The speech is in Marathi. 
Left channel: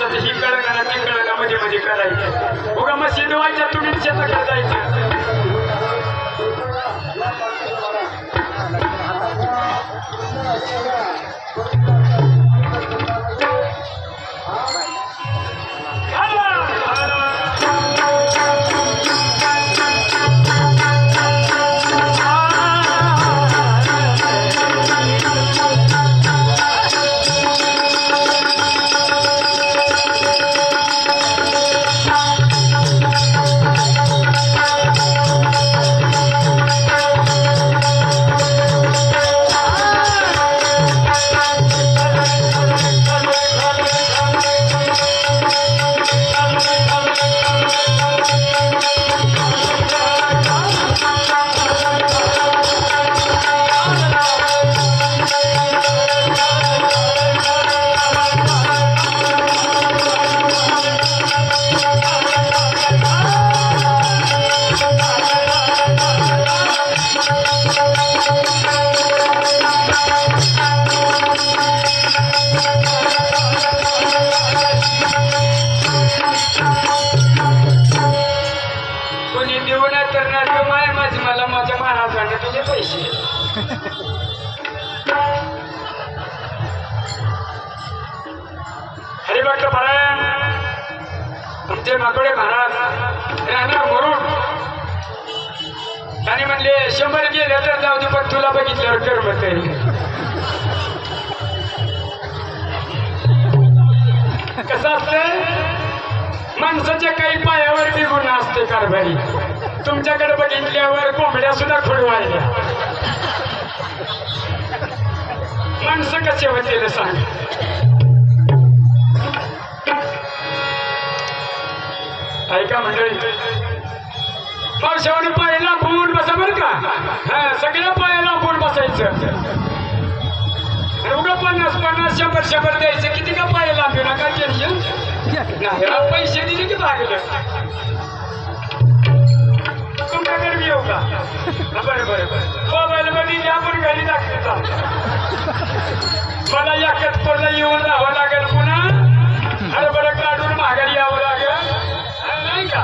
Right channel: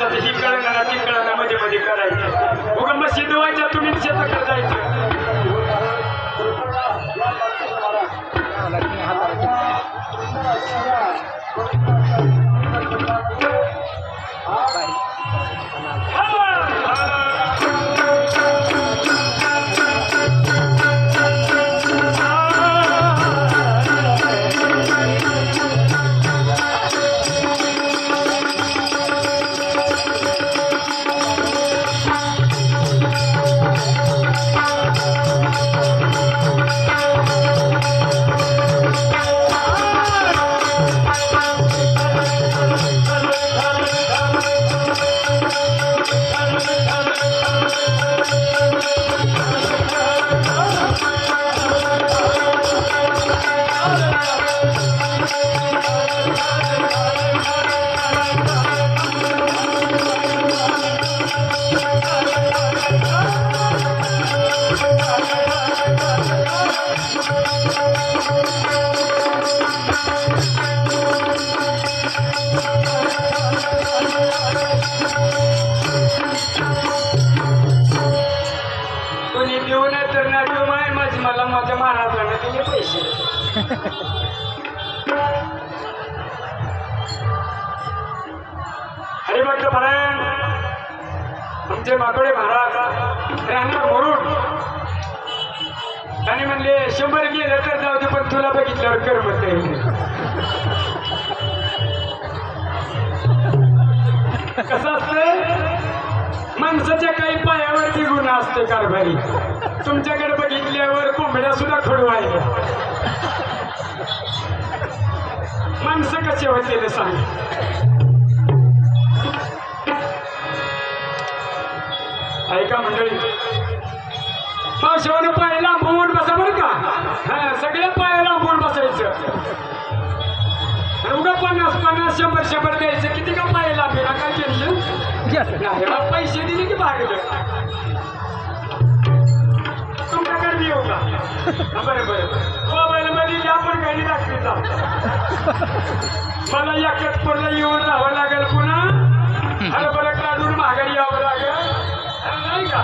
माणसाचं ही कळलं ना ती कळलं मध्ये मध्ये करायचं बघा मग शिजवायच्या तुम्ही शेताकडे जायचं मला माझ्या महाराजांना दिले पैसे हरिभक्त पारायण आमचे माकडे महाराज राहणार म्हणून आणि म्हणले 100 गेले तर जाऊ दे पण तुला बघितल्यावर करमत नाही कसं असतं माणसाच्या काही पायावरती गुन्हा असते कारभारी तुमच्याकडे बघितल्यावर कोंबड्या सुद्धा खोडवायला माणसं कसे होते सांग ऐका मंडळी पावसावर पाय लांबून बसा बरं का हा सगळ्या पाया लांबून बसायचं उगा 50-50 100 द्यायचे किती का पाय लांबू नका टेन्शन नाही पैसे दिले की भागलं तुमच्याकडे बी येऊ का बरं बरं बरं मोबाईल मध्ये आपण घरी दाखवता मला याकत पडलं येऊन राहावं लागेल पुन्हा हरभरा काढून माघारी यावं लागेल नाही का